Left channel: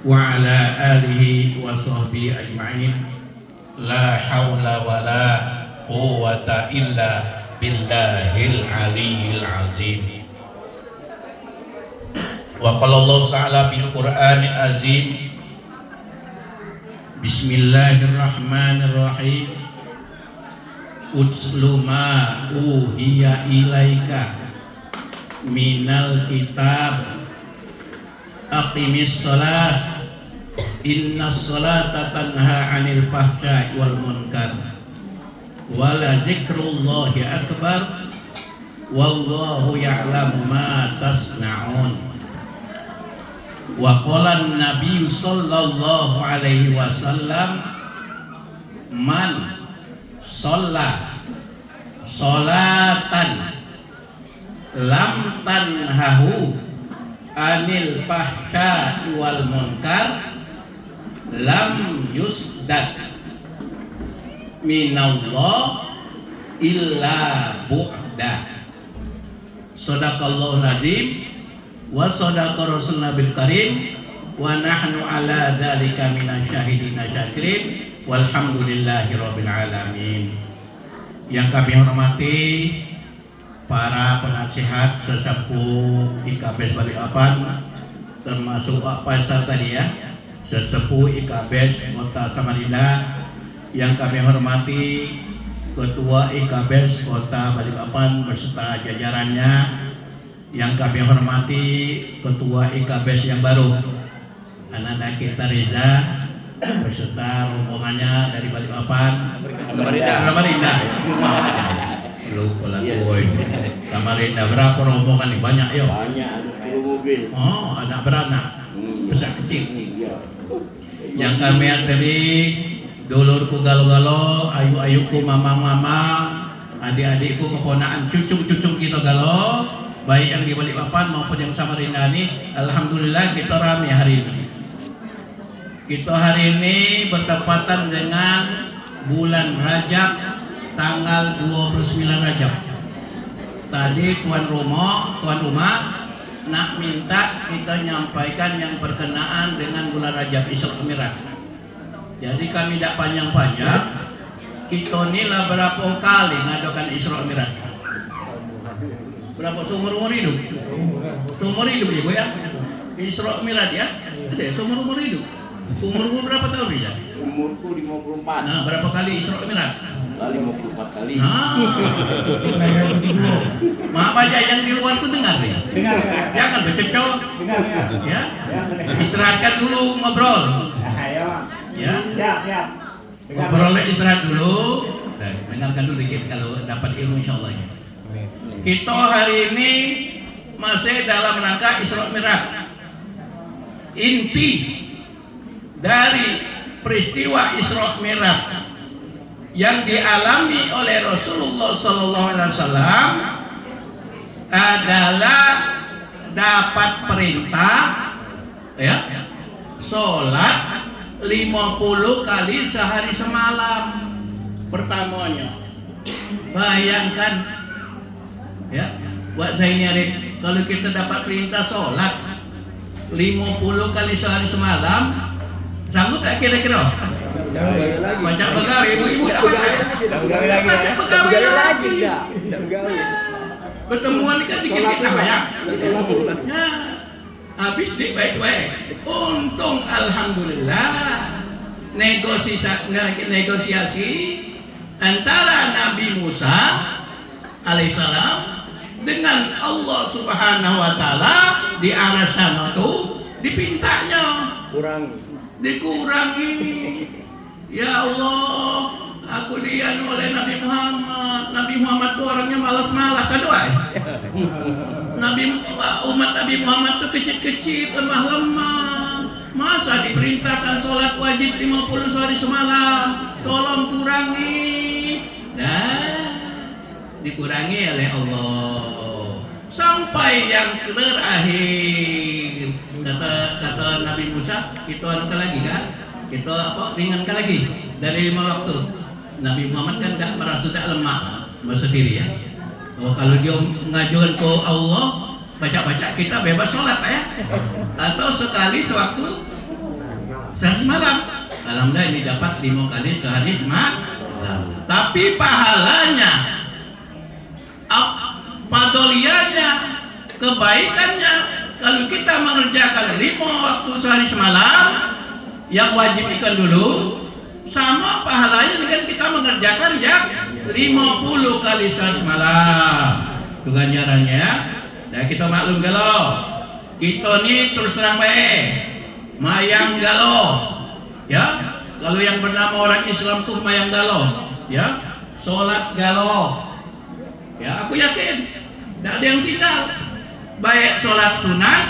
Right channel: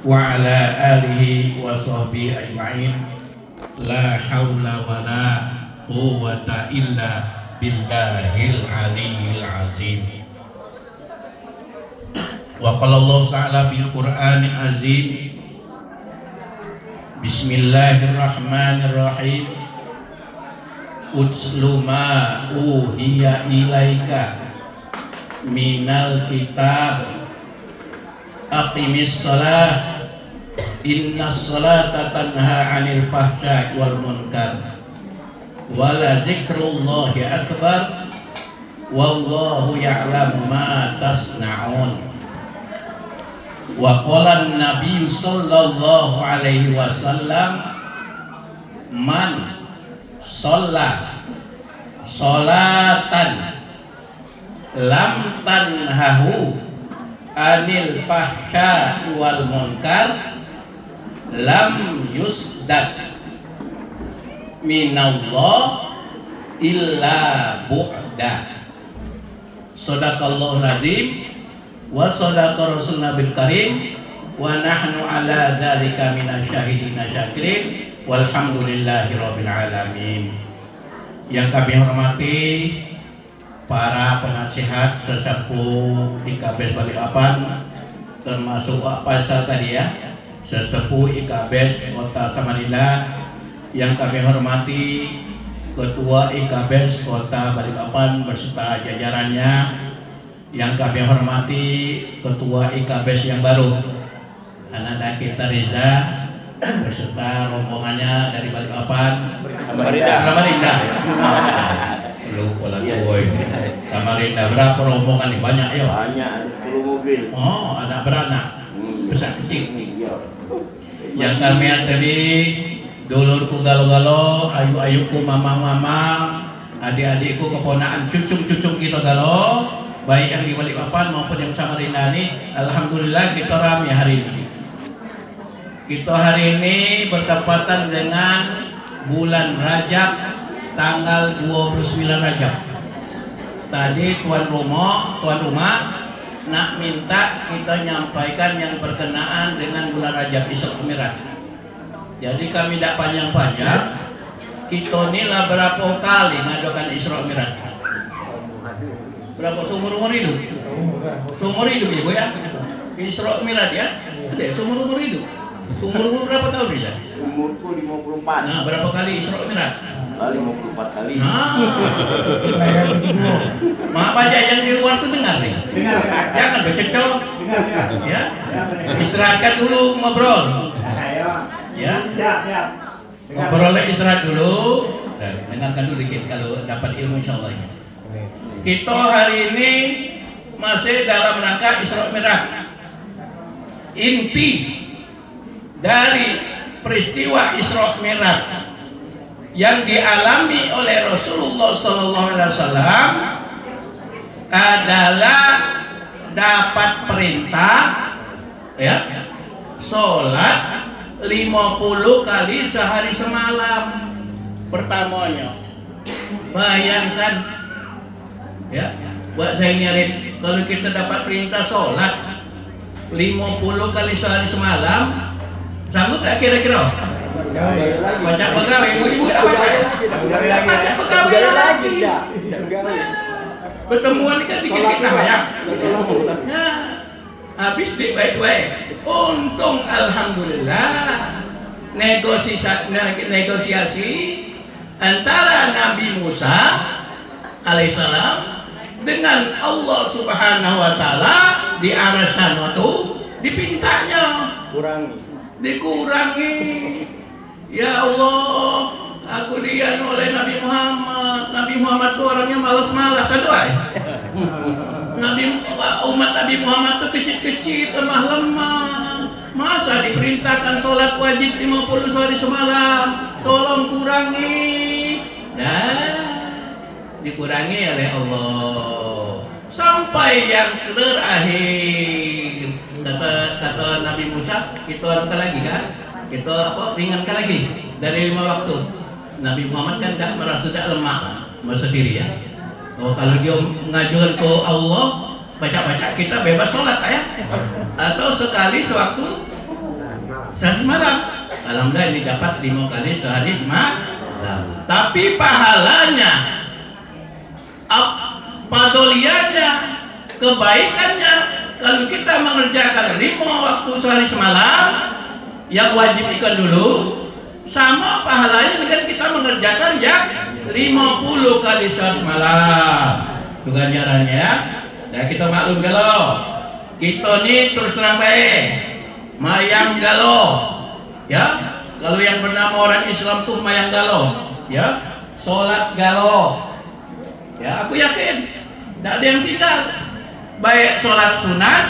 wa ala alihi wa sahbihi ajma'in. La haula wa la quwwata illa billahil aliyyil azim. Wa qala Allah ta'ala bil Qur'anil azim. Bismillahirrahmanirrahim. Utslu ma uhiya ilaika minal kitab aqimis shalah innas salata tanha 'anil fahsya'i wal munkar wala zikrullahi akbar wallahu ya'lamu ma tasna'un. Wa qala an-nabiy sallallahu alaihi wasallam man shalla sholatan lam tanhahu anil fahsya wal munkar lam yusdad minallah illa bu'da. Shadaqallahul azim wa shadaqa rasuluna bil karim wa nahnu ala dzalika minasyahidina syakirin walhamdulillahi rabbil alamin. Yang kami hormati para penasihat sesepuh IKBS Balikpapan, termasuk Pak Faisal tadi ya, sesepuh IKBS Kota Samarinda. Yang kami hormati Ketua IKBS Kota Balikpapan beserta jajarannya. Yang kami hormati Ketua IKBS yang baru, anak-anak kita Reza beserta rombongannya dari Balikpapan. Samarinda. Lu pola boy. Samarinda berapa rombongan nih? Banyak ya? Banyak, ada 10 mobil. Oh, anak beranak. Besar kecil. Yang kami tadi dulurku galo-galo, ayu-ayuku mamang-mamang, adik-adikku keponakan cucung-cucung kita galo, baik yang di Balikpapan maupun yang Samarinda ini. Alhamdulillah kita ramai hari ini. Kita hari ini bertepatan dengan bulan Rajab, tanggal 29 Rajab. Tadi tuan rumah nak minta kita nyampaikan yang berkenaan dengan bulan Rajab Isra Mi'raj. Jadi kami tidak panjang-panjang. Kita inilah berapa kali ngadakan Isra Mi'raj? Berapa seumur hidup? Seumur hidup ibu ya? Isra Mi'raj ya? Ada seumur hidup. Umur berapa tahun ya? Umurku 54. Nah, berapa kali Isra Mi'raj? 54 kali. Maaf aja yang di luar tuh dengar ya. Jangan bececok. Ya. Istirahatkan dulu ngobrol. Ya. Siap. Ngobrolnya istirahat dulu. Dengarkan dulu dikit kalau dapat ilmu insyaallah ya. Kita hari ini masih dalam rangka Isra Mi'raj. Inti dari peristiwa Isra Mi'raj yang dialami oleh Rasulullah SAW adalah dapat perintah ya sholat 50 kali sehari semalam. Pertamanya bayangkan ya, buat saya nyarit, kalau kita dapat perintah sholat 50 kali sehari semalam, sanggup tak kira-kira? Baca pegawai, ibu-ibu tak baca pegawai lagi. Pertemuan kan dikit-dikit lah ya. Habis baik-baik. Untung alhamdulillah negosiasi antara Nabi Musa alaihissalam dengan Allah Subhanahu wa taala di arah sana tuh dipintanya dikurangi. Ya Allah, aku lihat oleh Nabi Muhammad. Nabi Muhammad tuh orangnya malas-malas aduh. Umat Nabi Muhammad tuh kecil-kecil, lemah-lemah. Masa diperintahkan sholat wajib 50 sehari semalam? Tolong kurangi. Dikurangi oleh Allah. Sampai yang terakhir kata Nabi Musa, kita anu lagi kan? Kita ringankan lagi dari 5 waktu. Nabi Muhammad kan tidak lemah, masa diri ya. Kalau dia mengajukan ke Allah, baca-baca kita bebas sholat Pak ya. Atau sekali sewaktu sehari semalam. Alhamdulillah ini dapat 5 kali sehari semalam. Tapi pahalanya, padoliannya, kebaikannya, kalau kita mengerjakan 5 waktu sehari semalam, yang wajib ikan dulu, sama pahalanya dengan kita mengerjakan yang 50 kali sehari semalam. Itu ganjarannya ya. Nah kita maklum galau, kita nih terus terang baik, mayang galau, ya. Kalau yang bernama orang Islam tuh mayang galau, ya, sholat galau, ya. Aku yakin, tidak ada yang tinggal, baik sholat sunat,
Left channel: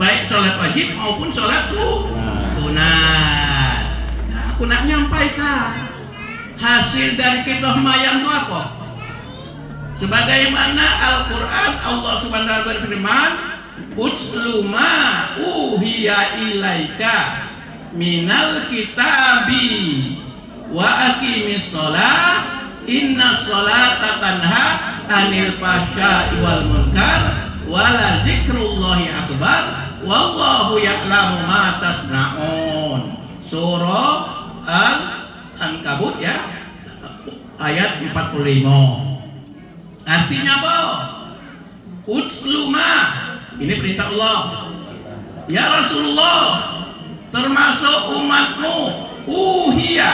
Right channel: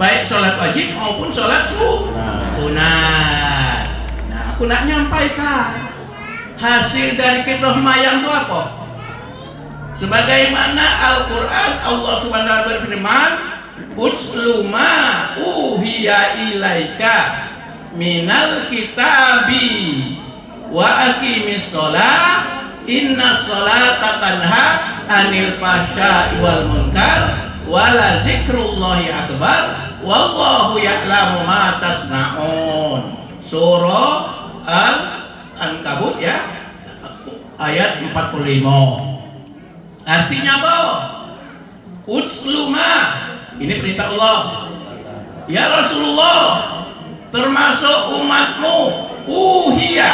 baik sholat wajib maupun sholat sunat. Nah, aku nak nyampaikan hasil dari kita mayang itu apa? Sebagaimana Al-Quran Allah Subhanahu wa taala berfirman, "Utslu ma uhiya ilaika minal kitabi wa aqimis shalah inna sholata tanha anil fahsya'i wal munkar wa la zikrullahi akbar wallahu ya'lamu ma tasna'un." Surah Al-Ankabut ya, ayat 45. Artinya apa? Utsluma, ini perintah Allah. Ya Rasulullah, termasuk umatmu, uhiya,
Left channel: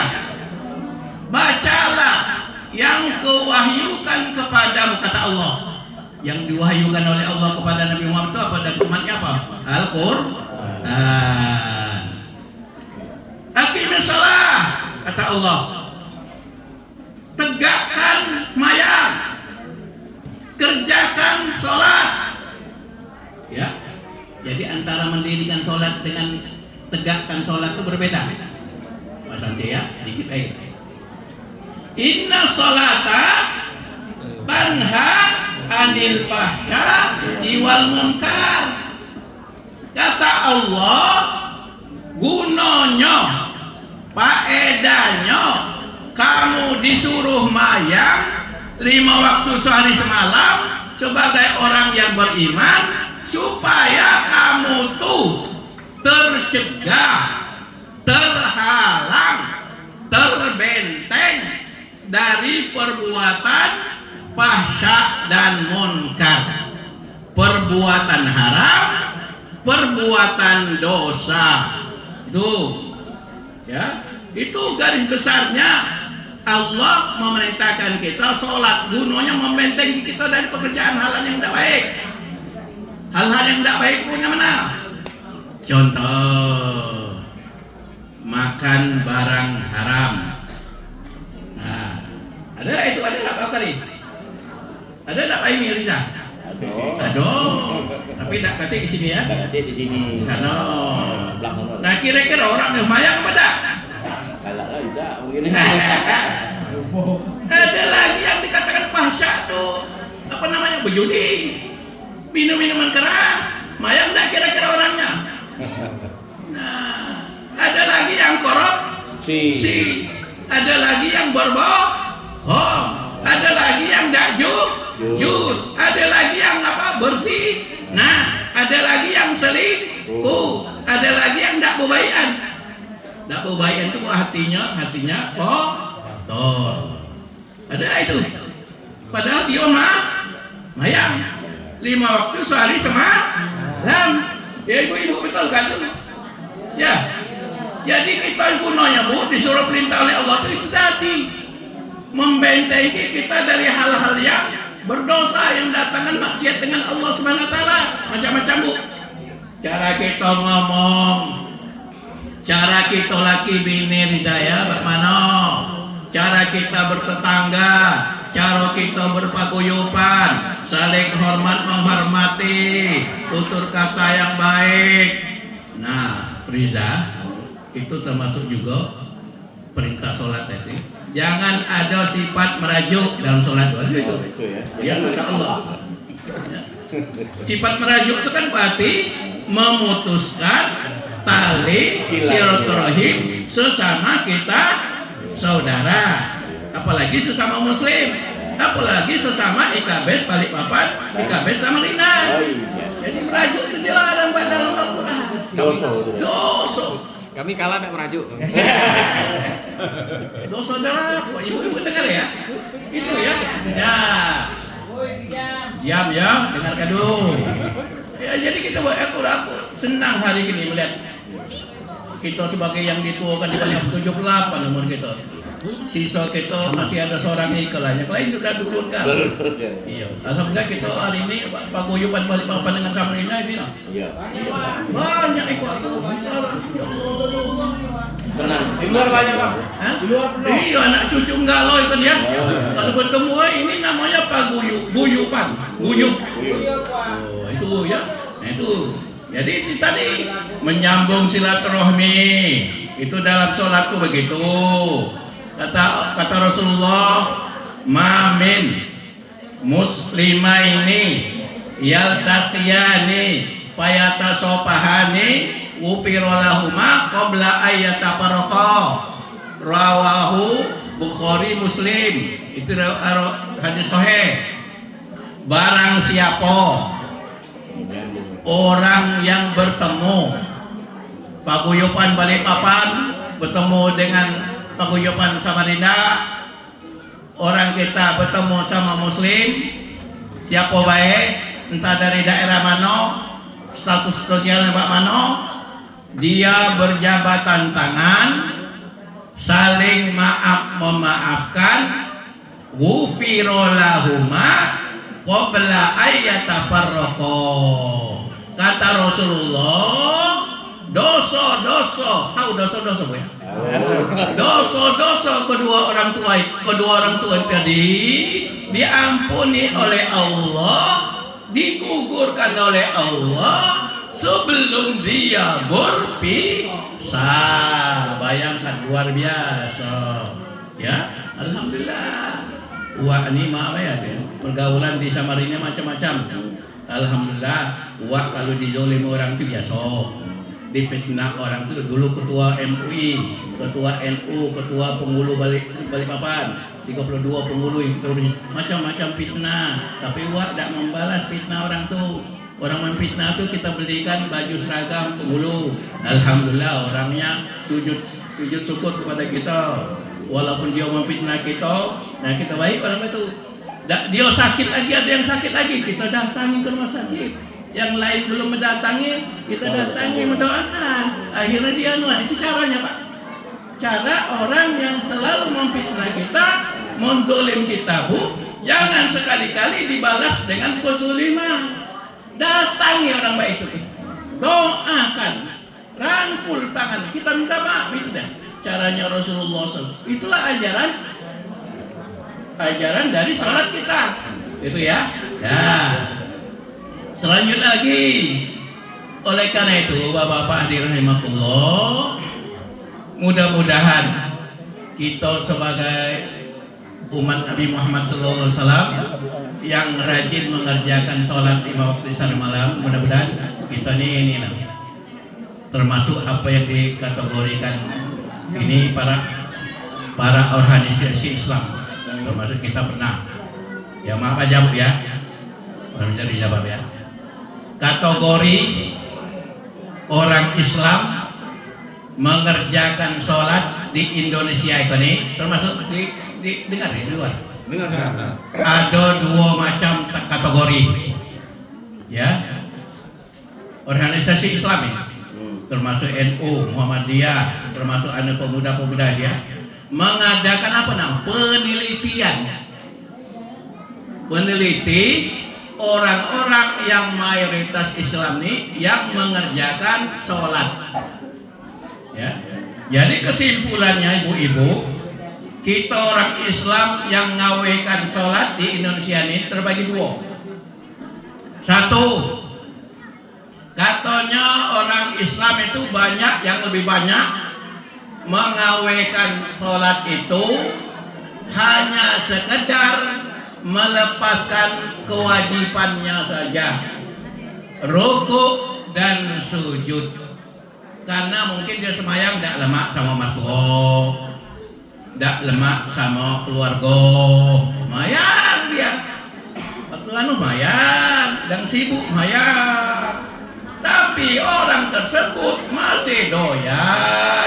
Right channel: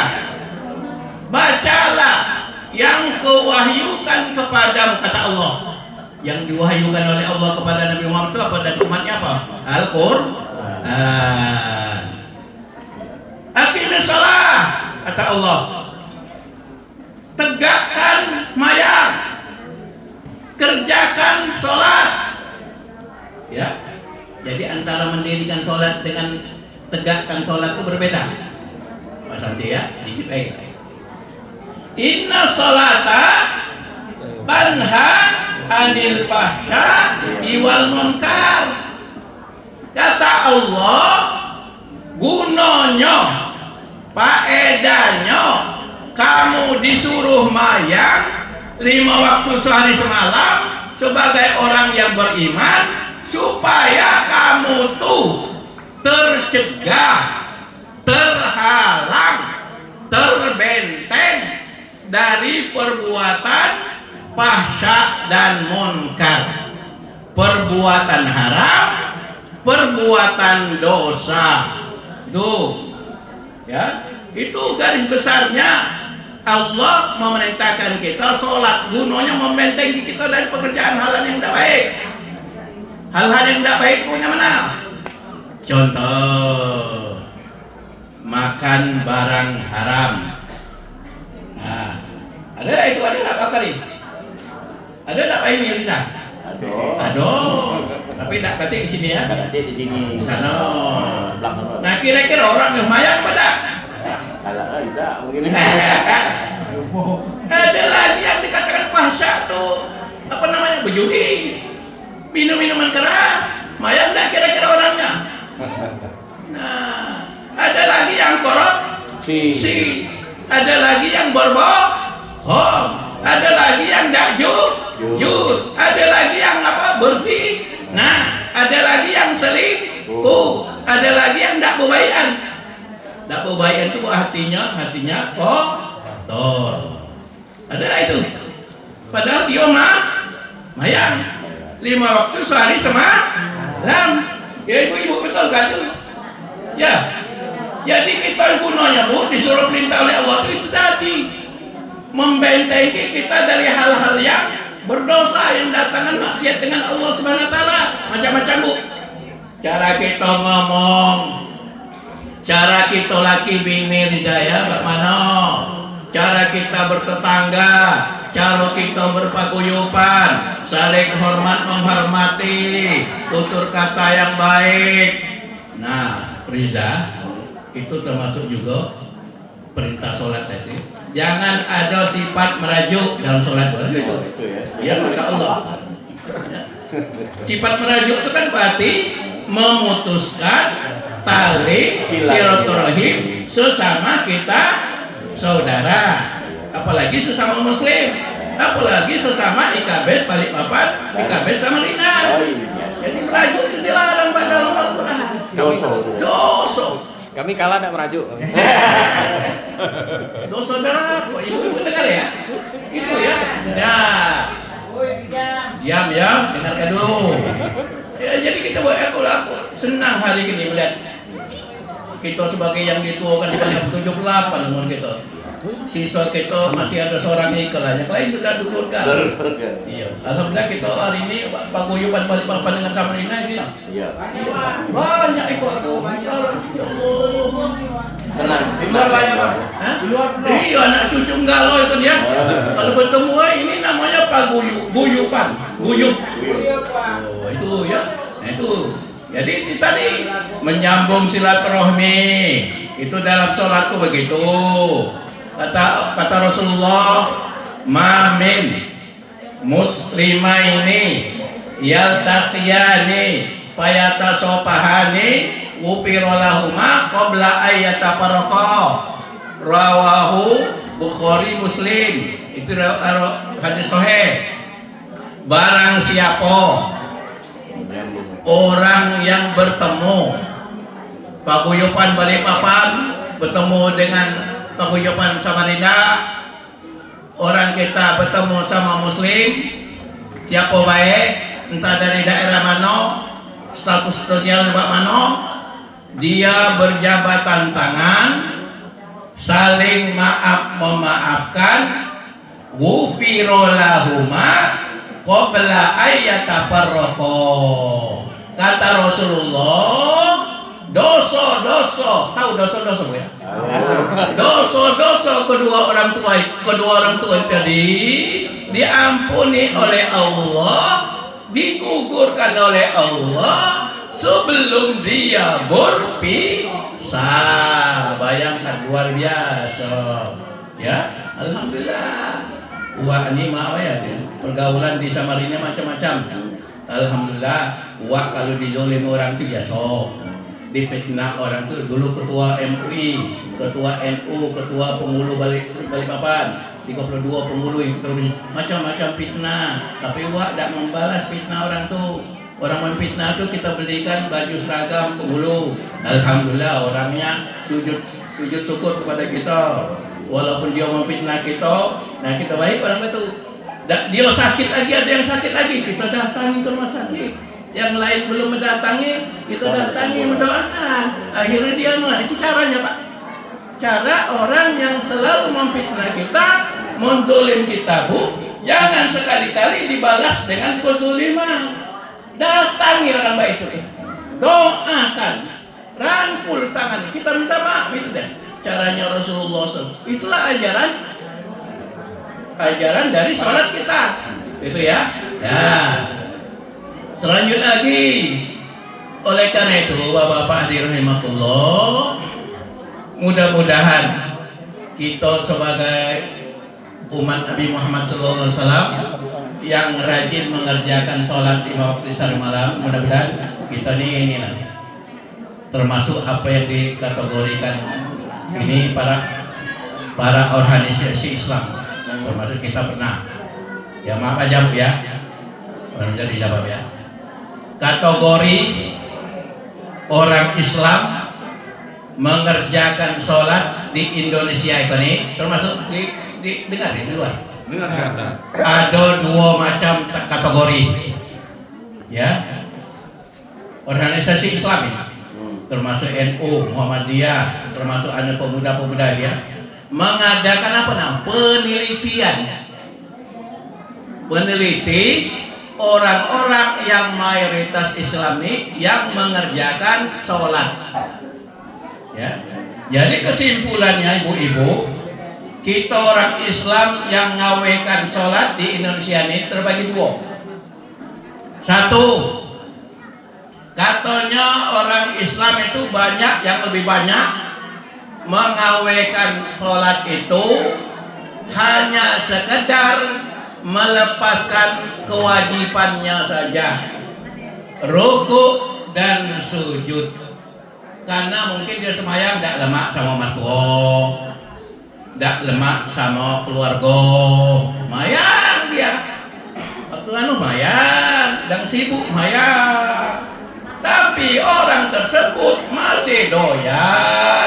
bacalah yang kewahyukan kepadamu, kata Allah. Yang diwahyukan oleh Allah kepada Nabi Muhammad itu apa dan umatnya apa? Al-Qur'an. Aqimis shalah, kata Allah. Tegakkan mayang, kerjakan sholat, ya. Jadi antara mendirikan sholat dengan tegakkan sholat itu berbeda. Mas Santi ya, dikit aja. Inna sholata tanha anil fahsya'i wal munkar. Kata Allah, gunanya, faedahnya, kamu disuruh mayang 5 waktu sehari semalam sebagai orang yang beriman, supaya kamu tuh tercegah, terhalang, terbenteng dari perbuatan fahsya dan munkar, perbuatan haram, perbuatan dosa. Tuh, ya, itu garis besarnya. Allah memerintahkan kita sholat, gunanya membentengi kita dari pekerjaan hal-hal yang tidak baik. Hal-hal yang tidak baik punya mana? Contoh, makan barang haram. Nah, ada itu, ada nggak Pak Kari? Ada nggak Pak Emil bisa? Aduh, tapi tidak kata di sini ya? Kata di sini. Sana. Belakang. Nah kira-kira orang yang mayang pada? Kalau tidak mungkin. Ada lagi yang dikatakan fahsya tuh, apa namanya, berjudi, minum-minuman keras, mayang enggak kira-kira orangnya? Nah, ada lagi yang korupsi, ada lagi yang berbohong, ada lagi yang tidak jujur, ada lagi yang apa, bersih, nah, ada lagi yang selingkuh, ada lagi yang tidak berbaikan. Tidak berbaikan itu hatinya kotor. Ada itu. Padahal dia mayang 5 waktu sehari semalam. Ya ibu-ibu betul kan? Ya. Jadi kita gunanya Bu disuruh perintah oleh Allah itu tadi, membentengi kita dari hal-hal yang berdosa, yang datangkan maksiat dengan Allah Subhanahu wa taala. Macam-macam Bu. Cara kita ngomong, cara kita laki bini ridaya bagaimana, cara kita bertetangga, cara kita berpaguyuban, saling hormat menghormati, tutur kata yang baik. Nah, Riza, itu termasuk juga perintah sholat tadi. Jangan ada sifat merajuk dalam sholat gitu. Ya kata Allah. Sifat merajuk itu kan berarti memutuskan tali silaturahim sesama kita saudara, apalagi sesama muslim, apalagi sesama IKB Balikpapan, IKB Samarinda. Jadi merajuk itu dilarang Pak dalam Al-Quran. Dosa. Kami kalah tidak merajuk. Doa saudara, kok ibu dengar ya? Itu ya. Ya. Diam ya, dengarkan dulu. Ya, jadi kita aku senang hari ini melihat kita sebagai yang dituakan banyak 78 umur kita. Sisa kita masih ada seorang ikhlas. Yang lain sudah dulur kan. Iya. Alhamdulillah kita hari ini paguyuban Balikpapan dengan Samarinda ini lah. Iya. Banyak ikut aku. Tenang. Di luar banyak Pak. Hah? Di luar penuh. Iya, anak cucu galau itu dia. Kalau bertemu ini namanya guyupan. Guyup. Oh, itu ya. Nah, itu. Jadi itu tadi menyambung silaturahmi. Itu dalam sholatku begitu. Kata Rasulullah, "Ma min muslimaini yaltaqiyani fayatasofahani ghufira lahuma qabla ayyatafarraqa." Rawahu Bukhari Muslim. Itu hadis sahih. Barang siapa orang yang bertemu paguyuban Balikpapan bertemu dengan paguyuban Samarinda, orang kita bertemu sama muslim siapa baik, entah dari daerah mana, status sosial mana, dia berjabatan tangan, saling maaf memaafkan, ghufira lahuma qabla ayyatafarraqa. Kata Rasulullah, dosa-dosa, tahu dosa-dosa Bu ya? Dosa-dosa kedua orang tua tadi diampuni oleh Allah, digugurkan oleh Allah sebelum dia berpisah. Bayangkan, luar biasa. Ya, alhamdulillah. Wah, ini maaf ya, pergaulan di Samarinda macam-macam. Alhamdulillah, wah kalau dizolim orang itu biasa. Difitnah orang itu dulu ketua MUI, ketua NU, ketua pengulu Balikpapan, 32 pengulu itu macam-macam fitnah. Tapi wah tidak membalas fitnah orang tuh. Orang memfitnah itu kita belikan baju seragam pengulu. Alhamdulillah orangnya sujud syukur kepada kita. Walaupun dia memfitnah kita, nah kita baik orang itu. Dia sakit lagi, ada yang sakit lagi, kita datangi ke rumah sakit. Yang lain belum mendatangi, kita datangi, mendoakan. Akhirnya dia itu caranya Pak. Cara orang yang selalu memfitnah kita, menzolim kita Bu, jangan sekali-kali dibalas dengan kezuliman. Datangi orang baik itu, doakan, rangkul tangan, kita minta maaf itu deh. Caranya Rasulullah SAW. Itulah ajaran dari sholat kita, itu ya. Selanjutnya lagi, oleh karena itu Bapak-bapak rahimahullah, mudah-mudahan kita sebagai umat Nabi Muhammad SAW yang rajin mengerjakan sholat 5 waktu sehari malam, mudah-mudahan kita ini termasuk apa yang dikategorikan ini para organisasi Islam, termasuk kita pernah. Ya maaf aja Bu ya, orang jadi dijawab ya. Kategori orang Islam mengerjakan sholat di Indonesia ini termasuk dengar di luar. Ada 2 macam kategori, ya. Organisasi Islam ini, termasuk NU, Muhammadiyah, termasuk ada pemuda-pemuda dia mengadakan apa namanya peneliti orang-orang yang mayoritas Islam ini yang mengerjakan sholat. Ya, jadi kesimpulannya ibu-ibu, kita orang Islam yang ngawekan sholat di Indonesia ini terbagi 2. Satu, katanya orang Islam itu banyak, yang lebih banyak mengawekan sholat itu hanya sekedar melepaskan kewajibannya saja, rukuk dan sujud. Karena mungkin dia semayang tidak lemak sama mertua, tidak lemak sama keluarga, mayang dia. Waktu mayang dan sibuk mayang. Tapi orang tersebut masih doyan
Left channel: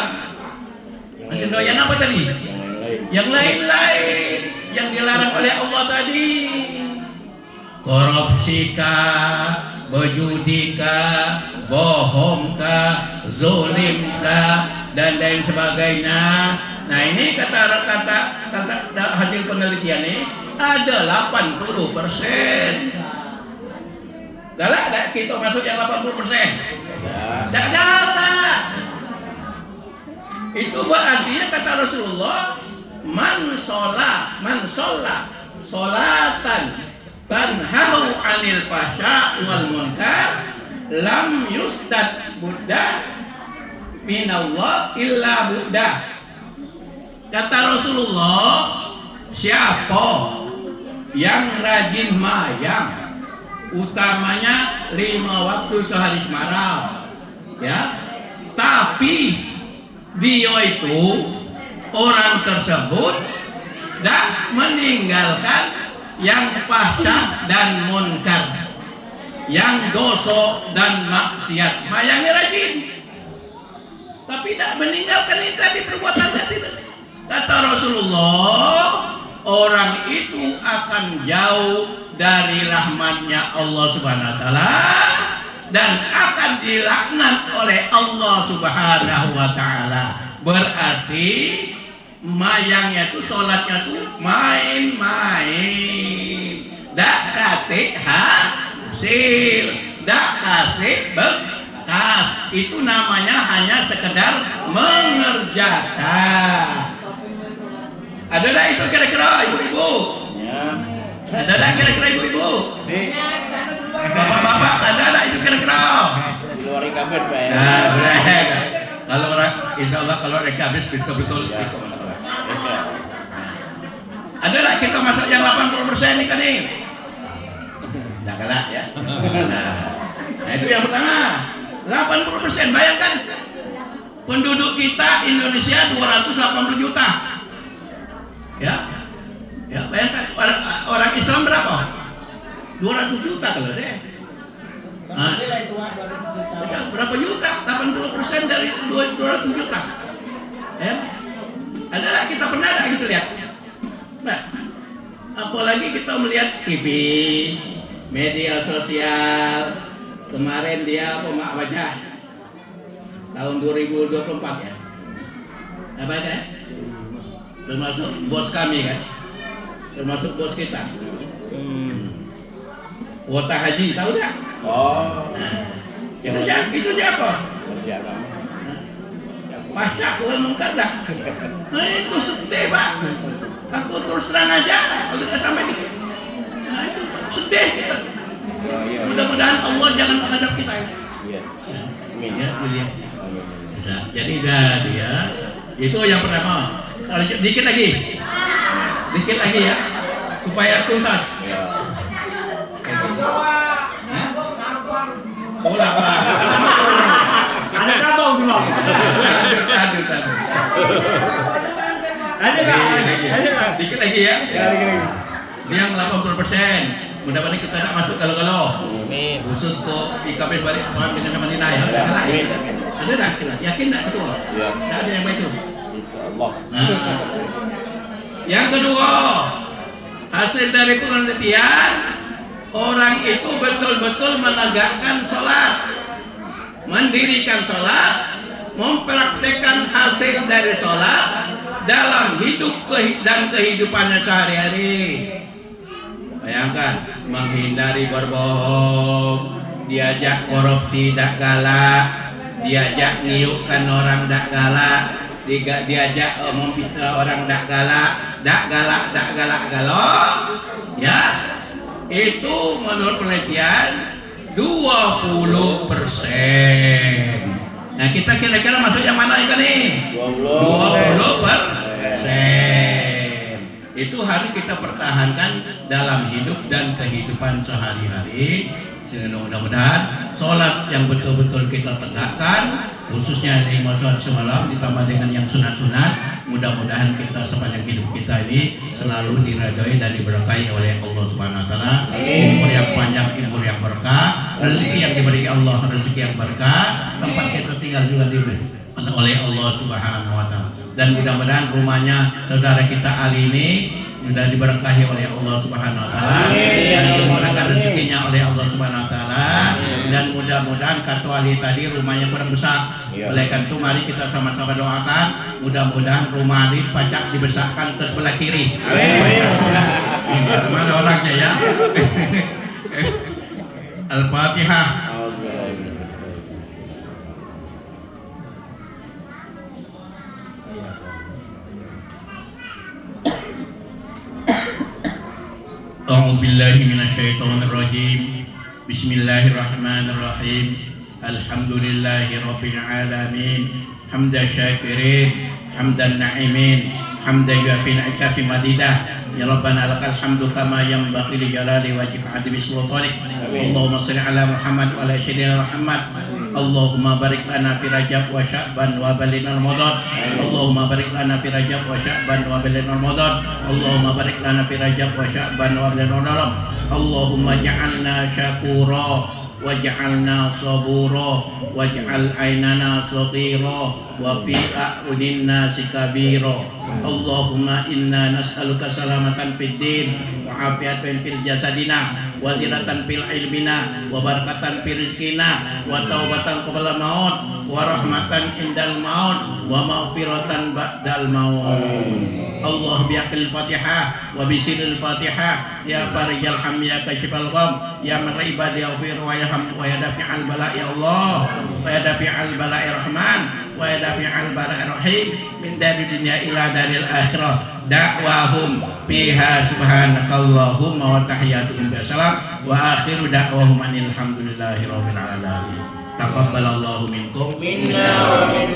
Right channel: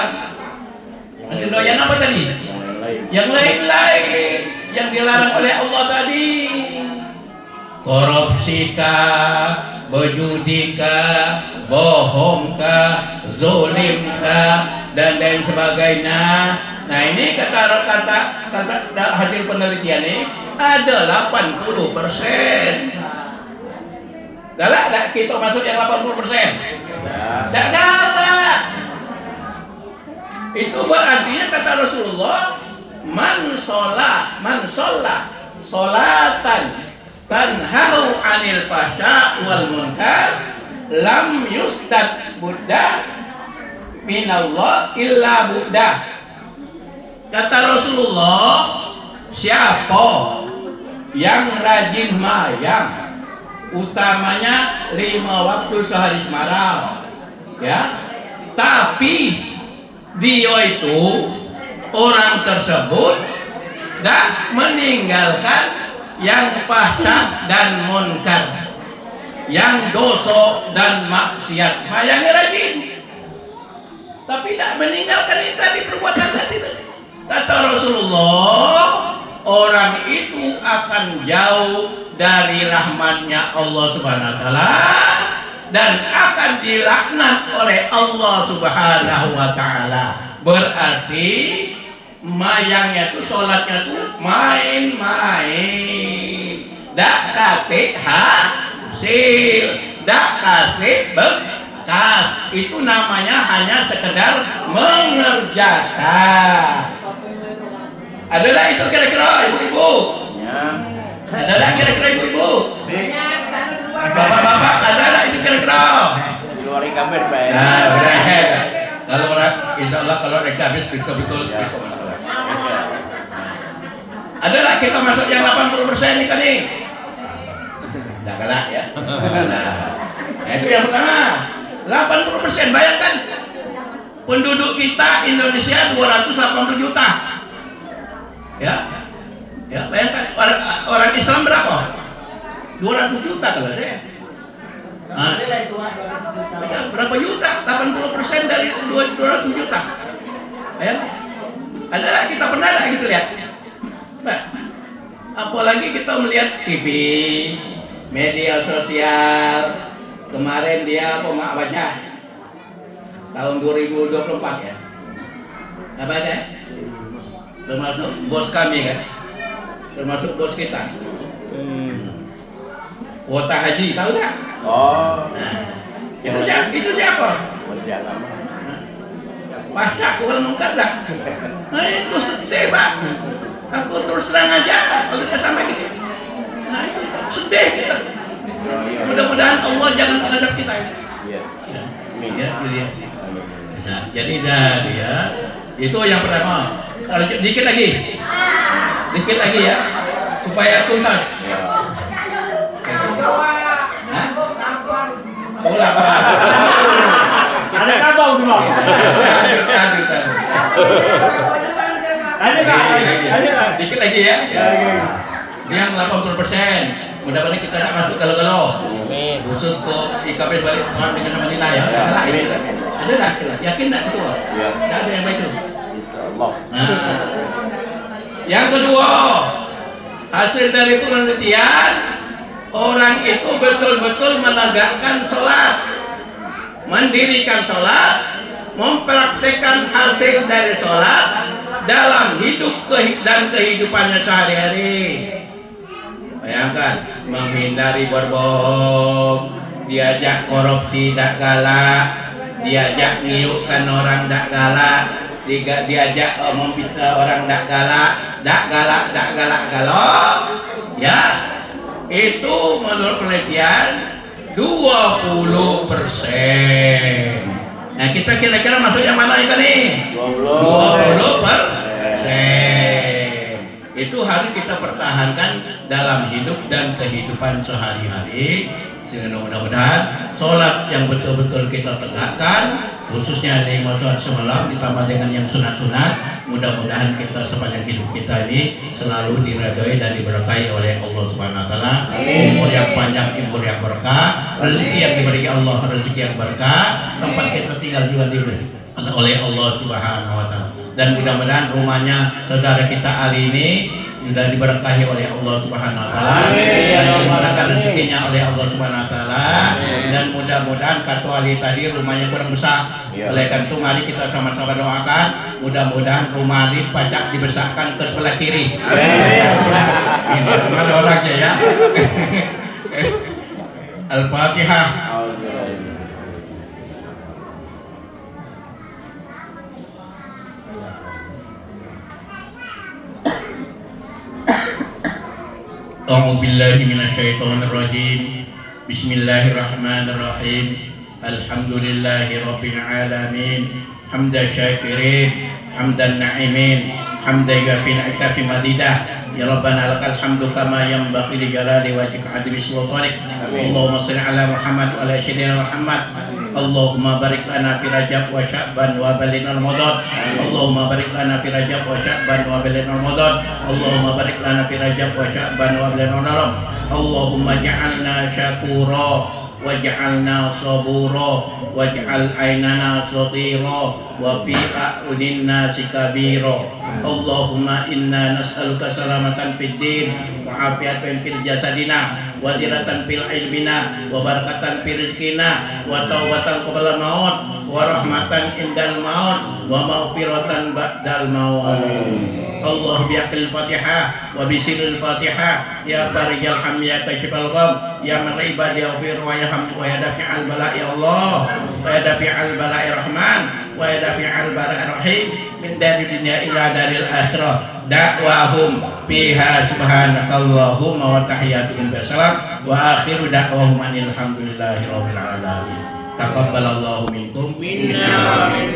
Doyan apa tadi? Yang lain-lain. Yang lain-lain yang dilarang oleh Allah tadi. Korupsikah, berjudikah, bohongkah, zolimkah, dan lain sebagainya. Nah ini kata hasil penelitian ini ada 80%. Galak tak kita masuk yang 80%? Ya. Tak galak. Itu berarti kata Rasulullah, man sholat sholatan tanhahu anil fahsya wal munkar lam yusdad buddha minallah illa buddha. Kata Rasulullah, siapa yang rajin mayang, utamanya 5 waktu sehari semalam, ya, tapi dia itu orang tersebut tidak meninggalkan yang fahsya dan munkar, yang dosa dan maksiat, mayangnya rajin, tapi tidak meninggalkan itu tadi perbuatan tadi. Kata Rasulullah, orang itu akan jauh dari rahmatnya Allah Subhanahu wa taala dan akan dilaknat oleh Allah Subhanahu wa taala. Berarti mayangnya itu, sholatnya tuh main-main, dak kate hasil, dak kasih bekas. Itu namanya hanya sekedar mengerjakan. Ada tak itu kira-kira ibu-ibu? Ya. Ada tak kira-kira ibu-ibu? Bapak-bapak ada tak itu kira-kira? Keluarin kabel, Pak. Ya. Nah, benar. Kalau orang, insya Allah kalau mereka habis betul-betul Ya. ikut masalah. Ada tak kita masuk yang 80% ini tadi? Tidak kalah ya. Nah itu yang pertama. 80%, bayangkan penduduk kita Indonesia 280 juta. Ya, ya bayangkan orang Islam berapa? 200 juta kalau saya. Nah, berapa juta? 80% dari 200 juta. Ya? Ada lah kita pernah lah gitu lihat. Nah, apalagi kita melihat TV, media sosial. Kemarin dia Mak Wajah tahun 2024 ya. Apa ya? Termasuk bos kami kan, termasuk bos kita. Kuota haji, tahu tak? Oh. Nah, itu siapa? Menteri Agama. Fahsya wal munkar dah. Nah, itu sedih Pak. Aku terus terang aja, kalau tidak sama gitu. Nah itu sedih kita. Mudah-mudahan Allah jangan menghadap kita. Iya. Amin. Ya, ya. Amin. Bisa. Jadi jadi ya. Itu yang pertama. Dikit lagi. Dikit lagi ya. Supaya tuntas. Ya. Hah? Oh, lapar. Ada kabau semua. Aduh. Ada nggak? Dikit lagi ya. Ya. Ini yang 80%. Mudah-mudahan kita tak masuk galau-galau. Amin. Khusus ke IKP balik dengan nama Nina ya. Ya, amin. Ada tak sila? Yakin tak itu? Ya. Tak ada yang baik itu. Insyaallah. Nah, yang kedua, hasil dari penelitian, orang itu betul-betul menegakkan sholat, mendirikan sholat, mempraktekkan hasil dari sholat dalam hidup dan kehidupannya sehari-hari. Bayangkan, menghindari berbohong, diajak korupsi tak galak, diajak ngiupkan orang tak galak, diajak memfitnah orang tak galak, galak. Ya, itu menurut penelitian 20%. Nah kita kira-kira masuk yang mana ikan nih? 20%. Itu harus kita pertahankan dalam hidup dan kehidupan sehari-hari. Sehingga mudah-mudahan sholat yang betul-betul kita tegakkan, khususnya 5 sholat semalam ditambah dengan yang sunat-sunat, mudah-mudahan kita sepanjang hidup kita ini selalu diridhoi dan diberkahi oleh Allah Subhanahu wa taala. Umur yang panjang, umur yang berkah, rezeki yang diberi Allah, rezeki yang berkah, tempat kita tinggal juga diberi oleh Allah Subhanahu wa taala. Dan mudah-mudahan rumahnya saudara kita Ali ini sudah diberkahi oleh Allah Subhanahu wa taala. Dan dimudahkan rezekinya oleh Allah Subhanahu wa taala. Dan mudah-mudahan kata Ali tadi rumahnya kurang besar. Oleh karena itu mari kita sama-sama doakan mudah-mudahan rumah Ali pajak dibesarkan ke sebelah kiri. Mana orangnya ya? Al-Fatihah. A'udzu billahi minasyaitonir rajim. Bismillahirrahmanirrahim. Alhamdulillahi rabbil alamin. Hamdan syakirin, hamdan na'imin, hamdan yafi ni'mati madidah. Ya Rabbana lakal hamdu kama yanbaghi li jalali wajhika azimi sultanik. Allahumma shalli ala Muhammad wa ala sayyidina Muhammad. Allahumma barik lana fi Rajab wa Sya'ban wa ballighna Ramadan. Allahumma barik lana fi Rajab wa Sya'ban wa ballighna Ramadan. Allahumma barik lana fi Rajab wa Sya'ban wa ballighna Ramadan. Allahumma ja'alna syakura waj'alna sabura waj'al aynana saghira wa fi a'yunin nasi kabira. Allahumma inna nas'aluka salamatan fid din wa afiatan fil jasadina wa ziratan fil ilmina wa barakatan fil rizqina wa taubatan qabla maut wa rahmatan indal maut wa maghfiratan ba'dal maut. Allah biaqil Fatihah wa bisiril Fatihah ya farijal ham ya kashifal gham ya man ibadi yaghfir wa yarham wa yadafi'al bala ya Allah wa yadafi'al bala ya Rahman wa yadafi'al bala ya Rahim min dari dunya ila daril akhirah. Da'wahum fiha subhanakallahumma wa tahiyyatuhum bisalam wa akhiru da'wahum alhamdulillahi rabbil alamin. Taqabbalallahu minkum minna wa minkum.